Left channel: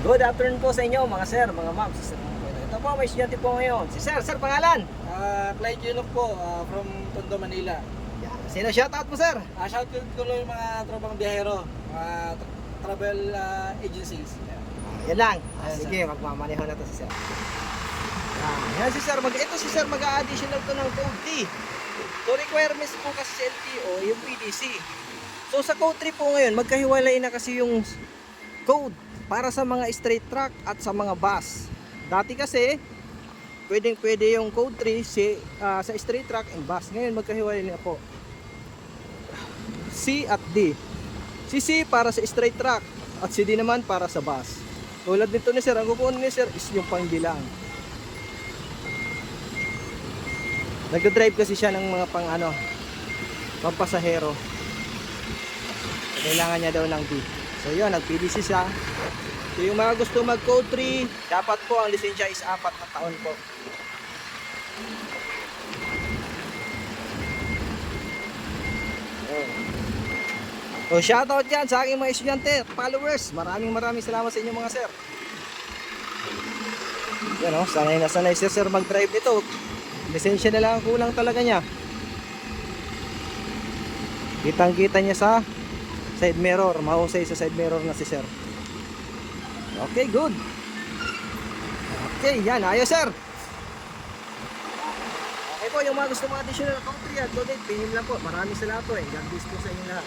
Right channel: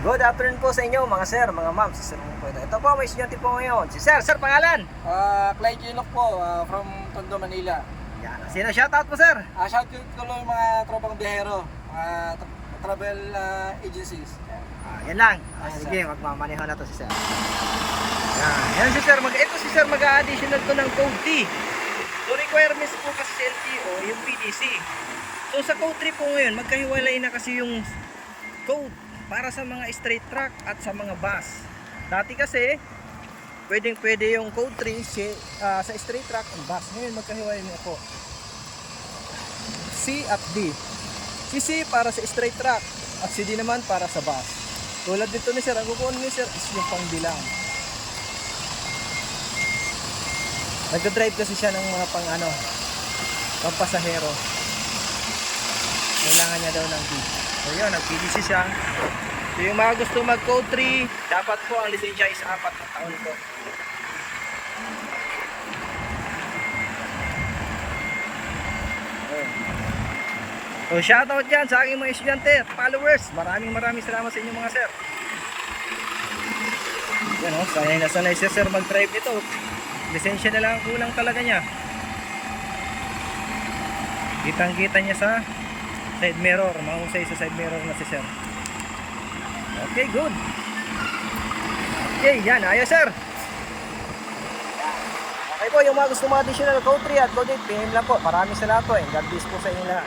Good afternoon po sa inyo mga sir, mga ma'am, si Sir Mong po ito. Ito po, may estudyante po ngayon. Si Sir, Sir, pangalan? Clyde Gilok po, from Tondo, Manila. Yan. Sino shoutout mo, Sir? Shoutout ko lang yung mga tropang biyahero, mga travel agencies. Yan. Yan lang. Ayan, Sige, magmamaneho na to si Sir. Yan si Sir. Ito si Sir, mag-a-additional to ng code D. So requirements po kasi sa LTO, yung PDC. So sa code 3 po ngayon, magkahiwalay na kasi yung code para sa mga straight track at sa mga bus. Dati kasi, pwede yung code 3 sa straight track and bus. Ngayon magkahiwalay na po. C at D. Si C para sa straight track at si D naman para sa bus. Tulad dito ni Sir, ang kukunin ni Sir is yung pangbilang. Nagdo-drive kasi siya ng mga pampasahero. Kailangan niya daw ng D. So yun, nag-PDC siya. So yung mga gusto mag-code 3, dapat po ang lisensya is 4 na taon po. So shoutout dyan sa aking mga estudyante at followers. Maraming salamat sa inyo mga sir. Yan o, sanay na sanay si sir mag-drive nito. Lisensya na lang ang kulang talaga niya. Kitang kita niya sa side mirror. Mahusay sa side mirror na si sir. Okay, good. Okay, yan. Ayos sir. Okay po, yung mga gusto mga additional code 3 at code 8, pingin lang po. Maraming salamat po. God bless po sa inyo lahat.